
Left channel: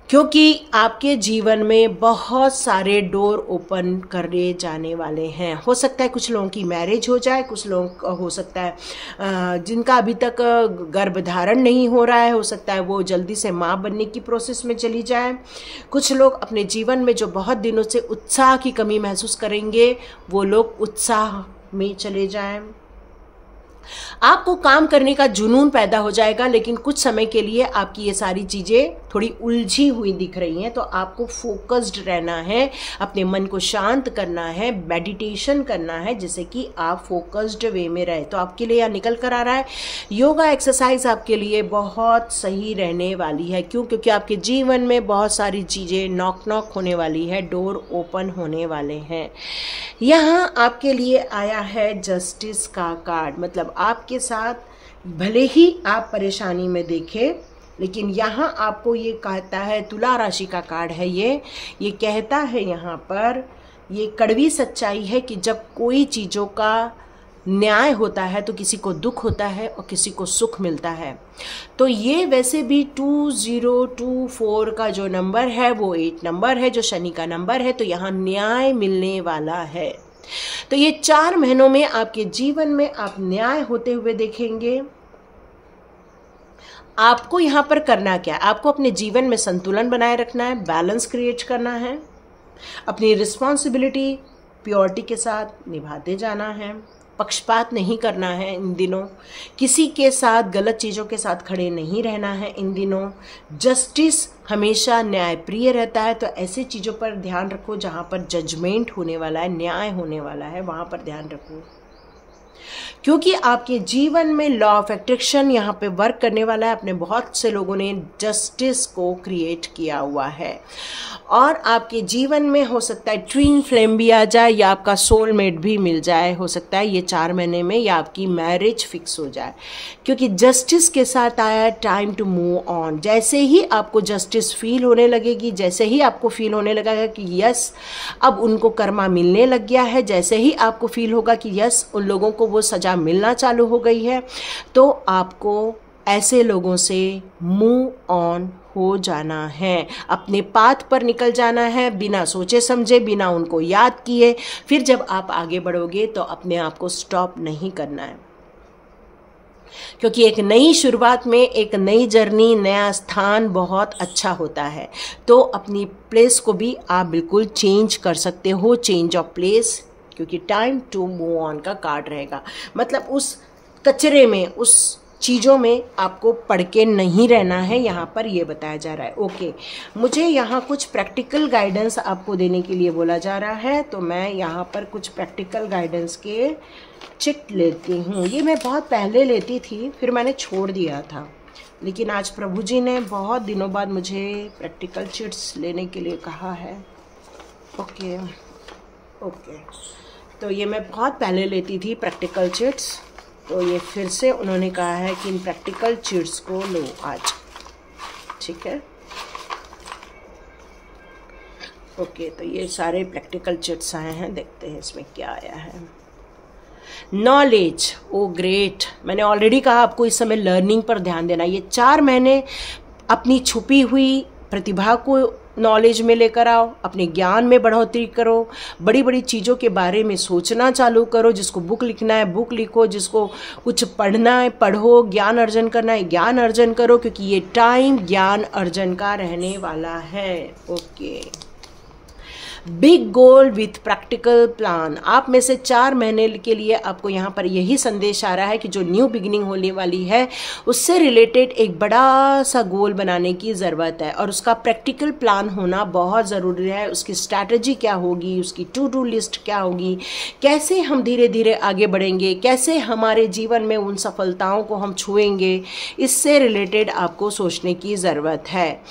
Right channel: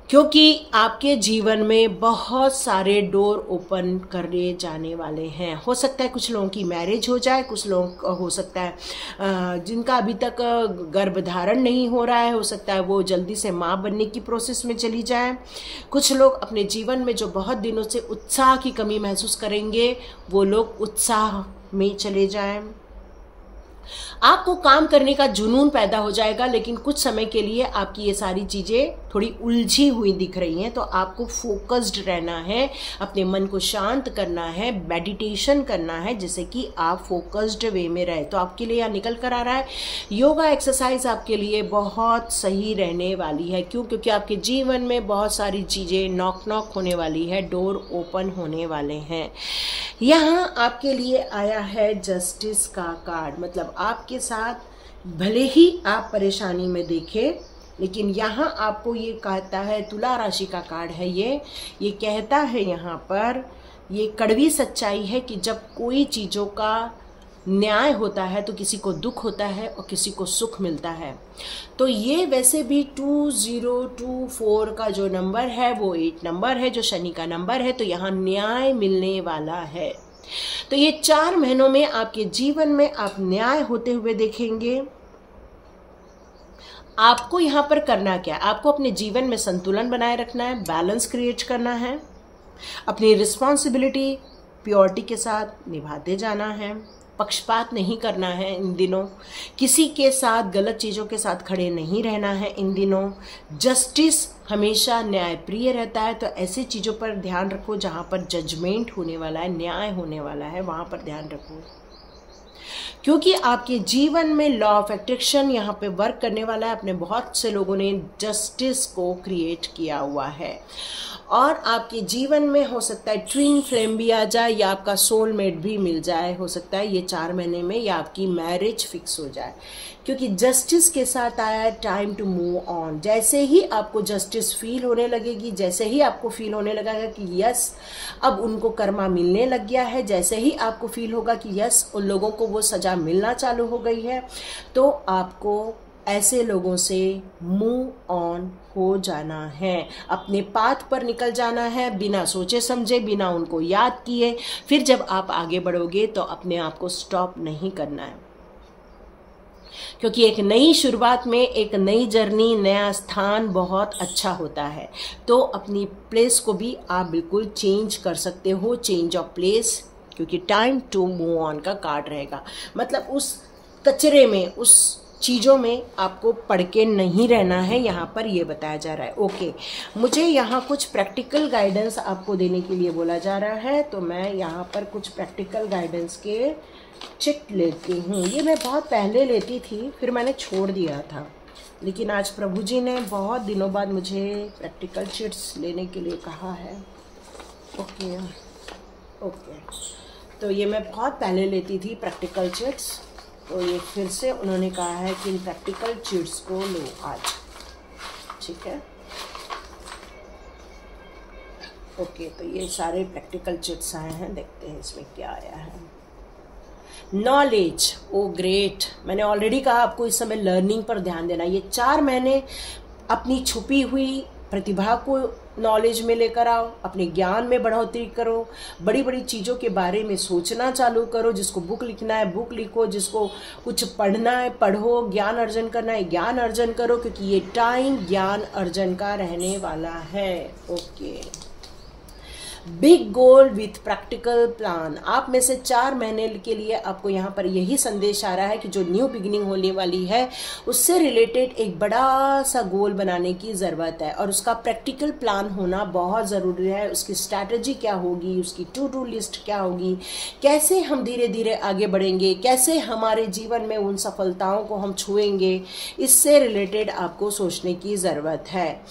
क्योंकि आपके जीवन में बहुत सारे डोर ओपन करने जाने वाले हैं। हो सकता है कुछ लोगों की मैरिज हो जाए, कुछ लोग हो सकता है जिनका अभी तक गर्भधारण नहीं हो रहा है, हो सकता है वो जल्दी से माँ बनने की प्रोसेस में चली जाए। कुछ लोग अपने जीवन में जो बहुत दिनों से उत्साह की कमी महसूस करेंगे, वो लोग उत्साह में चले जाएं। आपको काम करने का जुनून पैदा हो जाएगा, लेकिन कुछ समय के लिए आपकी ये सारी चीजें थोड़ी उलझी हुई दिख रही हैं। तो आपको फोकस्ड रहना है, अपने मन को शांत करना है, मेडिटेशन करना है, जिससे कि आप फोकस्ड वे में रहे। तो आपके लिए यहाँ निकल कर आ रहा है योगा एक्सरसाइज आपके लिए बहुत सही रहने वाली है। क्यों? क्योंकि आपके जीवन में बहुत सारी चीजें नॉक होने वाली है, डोर ओपन होने वाले हैं। यहाँ आपके लिए आया है जस्टिस का कार्ड। मतलब आपके साथ भले ही आप परेशानी में देखें, लेकिन यहाँ आपको ये कहता है, तुला राशि का कार्ड है ये कहता है यहाँ पर, ये कड़वी सच्चाई है कि जब कोई चीज़ों का न्याय होता है तो किसी को दुख होता है और किसी को सुख मिलता है। तो ये वैसे भी 2024 का जो नंबर है वो 8 नंबर है, जो शनि का नंबर है। तो यहाँ न्याय मिलने वाला है। तो ये 4 महीनों में आपके जीवन में आप न्याय होते हुए देखेंगे। आपको यहाँ पर करना क्या? आपको अपने जीवन में संतुलन बनाए रखना है, बैलेंस क्रिएट करना है, अपनी रिस्पॉन्सिबिलिटी प्योरिटी के साथ निभाते जाना है, पक्षपात नहीं करना है इन दिनों, किसी के साथ गलत चीज़ों के साथ खड़े नहीं रहना है इन दिनों। जस्टिस हमेशा न्यायप्रिय रहता है, तो ऐसी चीज़ों पर ध्यान रखो जहाँ पर जजमेंट होने वाला है, न्याय होने वाला है, वहाँ पर ध्यान रखो। क्योंकि आपके जीवन में लॉ ऑफ अट्रैक्शन यहाँ पे वर्क करने वाला है। अपने बहुत से लोगों ने जस्टिस को क्रिएट किया हुआ है, और आपके जीवन में हो सकता है ट्विन फ्लेम भी आ जाए, या आपका सोलमेट भी मिल जाए। हो सकता है ये 4 महीने में, या आपकी मैरिज फिक्स हो जाए, क्योंकि जस्टिस के साथ आया टाइम टू मूव ऑन। जैसे ही आपको जस्टिस फील होने लगेगी, जैसे ही आपको फील होने लगेगा कि यस अब उनको कर्मा मिलने लग गया है, जैसे ही आपको फील होगा कि यस उन लोगों को वो सजा मिलना चालू हो गई है, तो आपको ऐसे लोगों से मूव ऑन हो जाना है, अपने पाथ पर निकल जाना है, बिना सोचे समझे, बिना उनको याद किए। फिर जब आप आगे बढ़ोगे तो अपने आप को स्टॉप नहीं करना है, क्योंकि एक नई शुरुआत में एक नई जर्नी, नया स्थान बहुत अच्छा होता है। तो अपनी प्लेस को भी आप बिल्कुल चेंज कर सकते हो, चेंज ऑफ प्लेस, क्योंकि टाइम टू मूव ऑन का कार्ड रहेगा। मतलब उस कचरे में, उस चीज़ों में आपको पढ़ के नहीं रहना है, यहाँ पर ये बताया जा रहा है। ओके, मुझे यहाँ कुछ प्रैक्टिकल गाइडेंस आपको देने के लिए बोला जा रहा है, तो मैं यहाँ पर कुछ प्रैक्टिकल गाइडेंस के चिट लेती हूँ। ये मैं बहुत पहले लेती थी, फिर मैंने छोड़ दिया था, लेकिन आज प्रभु जी ने बहुत दिनों बाद मुझे प्रैक्टिकल चिट्स लेने के लिए कहा है। ओके, तो ये मैं बहुत पहले लेती थी प्रैक्टिकल चिट्स, तो ये फिर से उन्होंने कहा है कि इन प्रैक्टिकल चिट्स को लो आज, ठीक है। ओके, तो ये सारे प्रैक्टिकल चिट्स आए हैं, देखते हैं इसमें क्या आया है। नॉलेज, ओ ग्रेट, मैंने ऑलरेडी कहा आपको इस समय लर्निंग पर ध्यान देना। ये 4 महीने अपनी छुपी हुई प्रतिभा को नॉलेज में लेकर आओ, अपने ज्ञान में बढ़ोतरी करो, बड़ी बड़ी चीज़ों के बारे में सोचना चालू करो। जिसको बुक लिखना है बुक लिखो, जिसको कुछ पढ़ना है पढ़ो, ज्ञान अर्जन करना है ज्ञान अर्जन करो, क्योंकि ये टाइम ज्ञान अर्जन का रहने वाला है। Okay, big goal with practical plan. आप में से 4 महीने के लिए आपको यहाँ पर यही संदेश आ रहा है कि जो न्यू बिगिनिंग होने वाली है उससे रिलेटेड एक बड़ा सा गोल बनाने की ज़रूरत है, और उसका प्रैक्टिकल प्लान होना बहुत ज़रूरी है। उसकी स्ट्रैटेजी क्या होगी, उसकी टू डू लिस्ट क्या होगी, कैसे हम धीरे धीरे आगे बढ़ेंगे, कैसे हमारे जीवन में उन सफलताओं को हम छुएंगे, इससे रिलेटेड आपको सोचने की ज़रूरत है।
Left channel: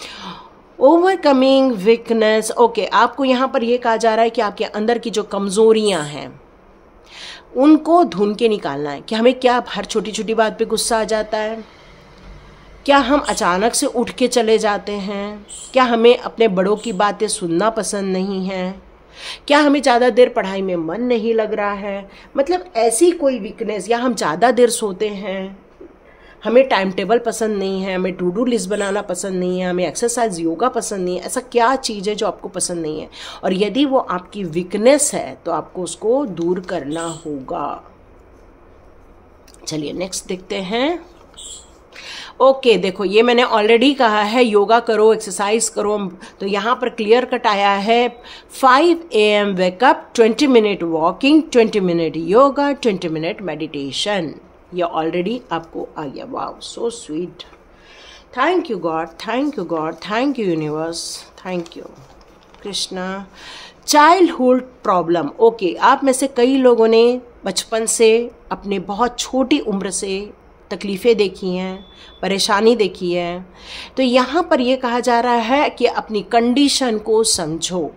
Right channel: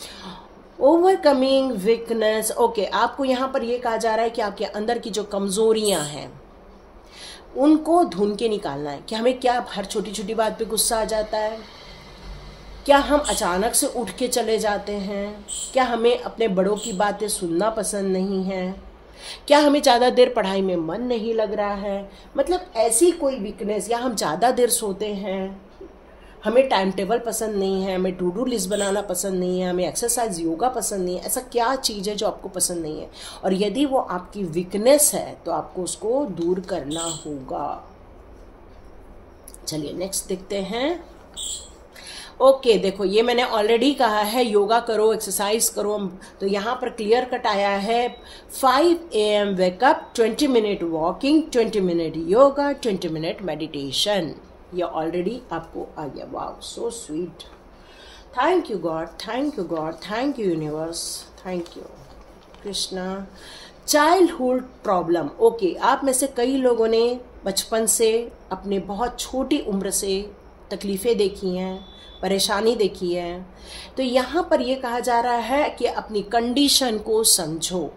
Overcoming weakness. ओके, आपको यहाँ पर यह कहा जा रहा है कि आपके अंदर की जो कमजोरियां हैं उनको ढूंढ के निकालना है। कि हमें क्या हर छोटी छोटी बात पे गुस्सा आ जाता है, क्या हम अचानक से उठ के चले जाते हैं, क्या हमें अपने बड़ों की बातें सुनना पसंद नहीं है, क्या हमें ज़्यादा देर पढ़ाई में मन नहीं लग रहा है, मतलब ऐसी कोई वीकनेस, या हम ज़्यादा देर सोते हैं, हमें टाइम टेबल पसंद नहीं है, हमें टू डू लिस्ट बनाना पसंद नहीं है, हमें एक्सरसाइज योगा पसंद नहीं है। ऐसा क्या चीज़ है जो आपको पसंद नहीं है, और यदि वो आपकी वीकनेस है तो आपको उसको दूर करना होगा। चलिए नेक्स्ट देखते हैं। ओके, देखो ये मैंने ऑलरेडी कहा है योगा करो, एक्सरसाइज करो, तो यहाँ पर क्लियर कट आया है 5 AM wake up, 20 minute walking, 20 minute yoga, 20 minute meditation. ये ऑलरेडी आपको आ गया। Wow, so sweet. Thank you God, thank you God, thank you universe, thank you Krishna. Childhood problem. Okay, आप में से कई लोगों ने बचपन से अपने बहुत छोटी उम्र से तकलीफ़ें देखी हैं, परेशानी देखी है। तो यहाँ पर यह कहा जा रहा है कि अपनी कंडीशन को समझो,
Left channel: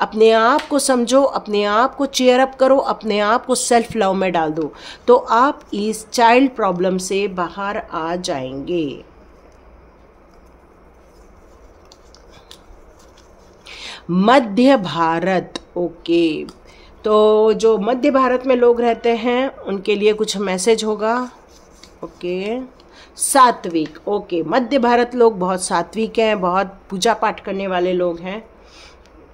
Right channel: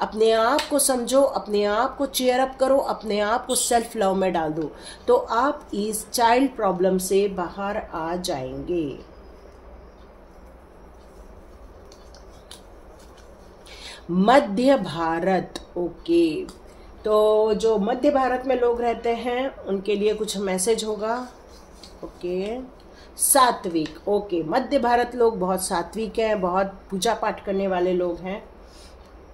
अपने आप को समझो, अपने आप को चेयर अप करो, अपने आप को सेल्फ लव में डाल दो, तो आप इस चाइल्ड प्रॉब्लम से बाहर आ जाएंगे। मध्य भारत। ओके, तो जो मध्य भारत में लोग रहते हैं उनके लिए कुछ मैसेज होगा। ओके, सात्विक। ओके, मध्य भारत लोग बहुत सात्विक हैं, बहुत पूजा पाठ करने वाले लोग हैं,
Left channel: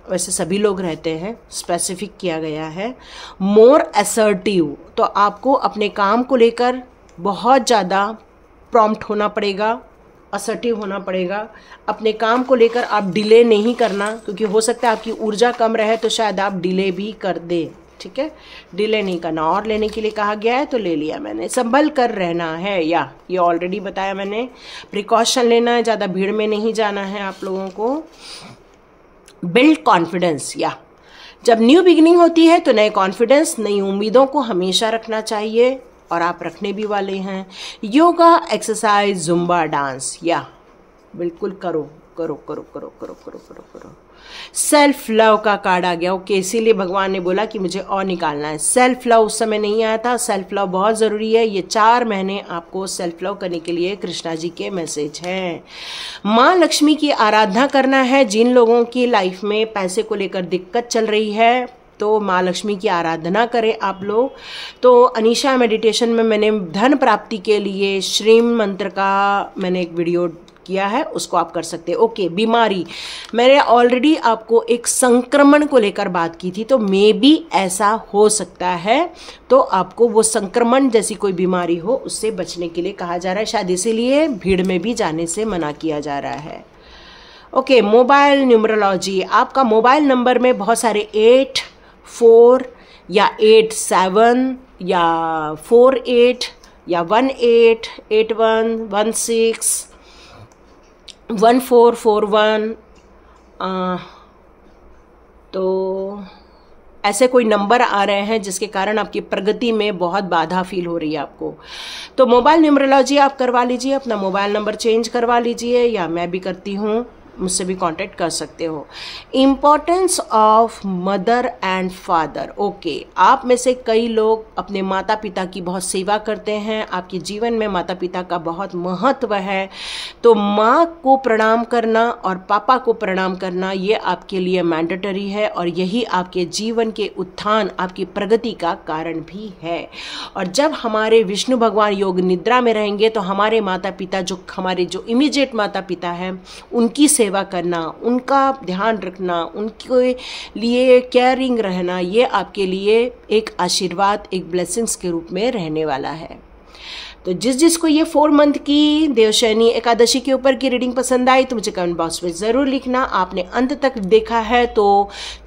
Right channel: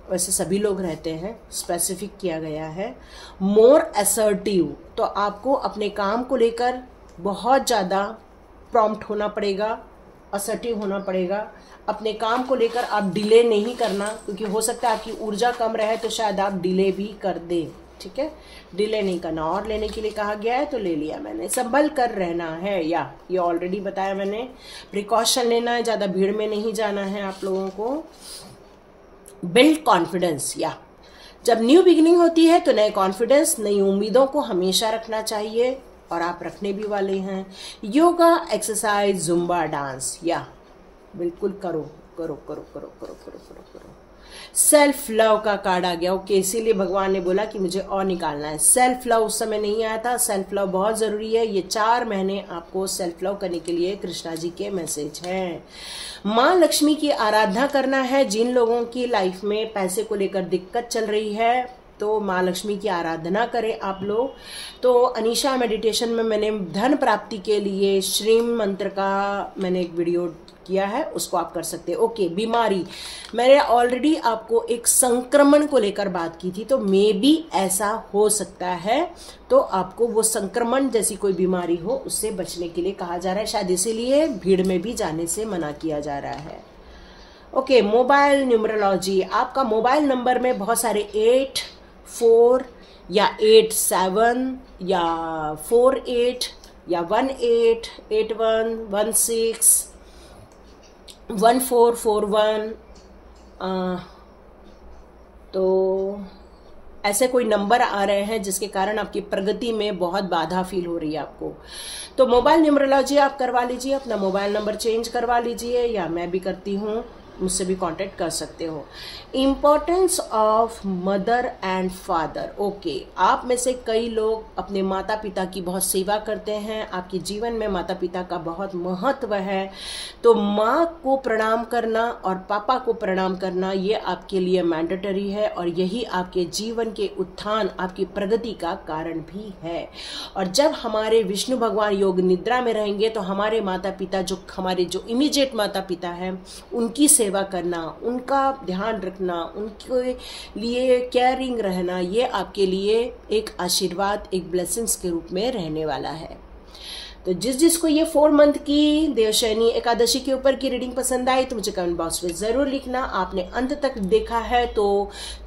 वैसे सभी लोग रहते हैं, स्पेसिफिक किया गया है। मोर असर्टिव, तो आपको अपने काम को लेकर बहुत ज़्यादा प्रॉम्प्ट होना पड़ेगा, असर्टिव होना पड़ेगा। अपने काम को लेकर आप डिले नहीं करना, क्योंकि हो सकता है आपकी ऊर्जा कम रहे तो शायद आप डिले भी कर दें। ठीक है, डिले नहीं करना। और लेने के लिए कहा गया है तो ले लिया मैंने। संभल कर रहना है, या ये ऑलरेडी बताया मैंने। प्रिकॉशन लेना है, ज़्यादा भीड़ में नहीं जाना है आप लोगों को। बिल्ड कॉन्फिडेंस, या जब न्यू बिगिनिंग होती है तो नए कॉन्फिडेंस, नई उम्मीदों को हमेशा रखना चाहिए, और आप रखने भी वाले हैं। योगा, एक्सरसाइज, जुम्बा, डांस, या बिल्कुल करो करो करो करो करो करो करो करो। सेल्फ लव का कार्ड आ गया। ओके, इसीलिए भगवान ने बोला कि मुझे और निकालना है। सेल्फ लव उस समय नहीं आया था, सेल्फ लव बहुत जरूरी है। ये 4 महीने आपको सेल्फ लव करने के लिए कृष्णा जी के मैसेज हैं। माँ लक्ष्मी की आराधना करना है। जिन लोगों की लाइफ में पैसे को लेकर दिक्कत चल रही है तो माँ लक्ष्मी की आराधना करें आप लोग। तो अनीशा मेडिटेशन में मैंने धन प्राप्ति के लिए श्रीम मंत्र का मैंने एक वीडियो किया है, उसको आप कर सकते हैं। ओके, बीमारी, मैंने ऑलरेडी आपको एक संक्रमण को लेकर बात की थी, तो मे बी ऐसा हो सकता है, तो आपको वो संक्रमण जैसी कोई बीमारी हो उससे बचने के लिए कहा जा रहा है। शायद इसीलिए भीड़ में भी जाने से मना किया जा रहा है। Okay, mobile numerology. आपका मोबाइल नंबर में बहुत सारे 8, 4 या 8, 7 या 4, 8 या 1, 8, 8, 1, 1, 6, 1, 4, 4, 1, तो ऐसे कोई नंबर आ रहे हैं जिसके कारण आपकी प्रगति में बहुत बाधा फील हो रही है आपको। तो मोबाइल न्यूमरोलॉजी आप करवा लीजिए, अपना मोबाइल नंबर चेंज करवा लीजिए, या मैं भी करती हूँ, मुझसे भी कांटेक्ट कर सकते हो। Importance of mother and father. Okay, आप में से कई लोग अपने माता पिता की बहुत सेवा करते हैं, आपके जीवन में माता पिता का बहुत महत्व है। तो माँ को प्रणाम करना और पापा को प्रणाम करना ये आपके लिए मैंडेटरी है, और यही आपके जीवन के उत्थान, आपकी प्रगति का कारण भी है। और जब हमारे विष्णु भगवान योग निद्रा में रहेंगे तो हमारे माता पिता, जो हमारे जो इमीडिएट माता पिता हैं, उनकी सेवा करना, उनका ध्यान रखना, उनके लिए केयरिंग रहना, ये आपके लिए एक आशीर्वाद, एक ब्लेसिंग्स के रूप में रहने वाला है। तो जिसको ये 4 मंथ की देवशयनी एकादशी के ऊपर की रीडिंग पसंद आई तो मुझे कमेंट बॉक्स में ज़रूर लिखना। आपने अंत तक देखा है तो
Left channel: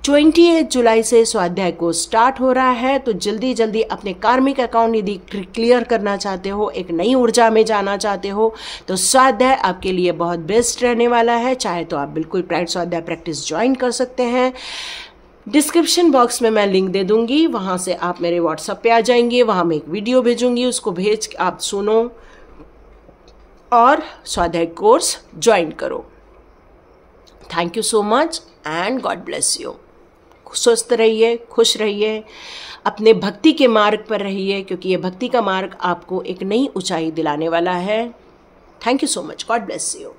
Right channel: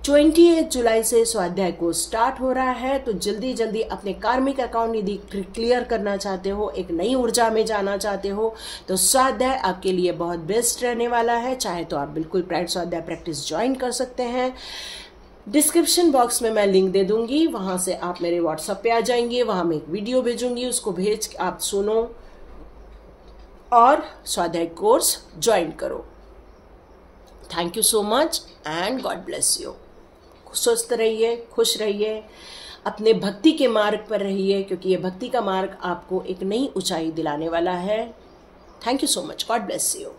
28 जुलाई से स्वाध्याय को स्टार्ट हो रहा है। तो जल्दी जल्दी अपने कार्मिक अकाउंट यदि क्लियर करना चाहते हो, एक नई ऊर्जा में जाना चाहते हो, तो स्वाध्याय आपके लिए बहुत बेस्ट रहने वाला है। चाहे तो आप बिल्कुल प्राइड स्वाध्याय प्रैक्टिस ज्वाइन कर सकते हैं। डिस्क्रिप्शन बॉक्स में मैं लिंक दे दूंगी, वहां से आप मेरे व्हाट्सएप पे आ जाएंगे। वहां मैं एक वीडियो भेजूंगी, उसको भेज के आप सुनो और स्वाध्याय कोर्स ज्वाइन करो। Thank you so much and God bless you. स्वस्थ रहिए, खुश रहिए, अपने भक्ति के मार्ग पर रहिए, क्योंकि ये भक्ति का मार्ग आपको एक नई ऊंचाई दिलाने वाला है। Thank you so much. God bless you.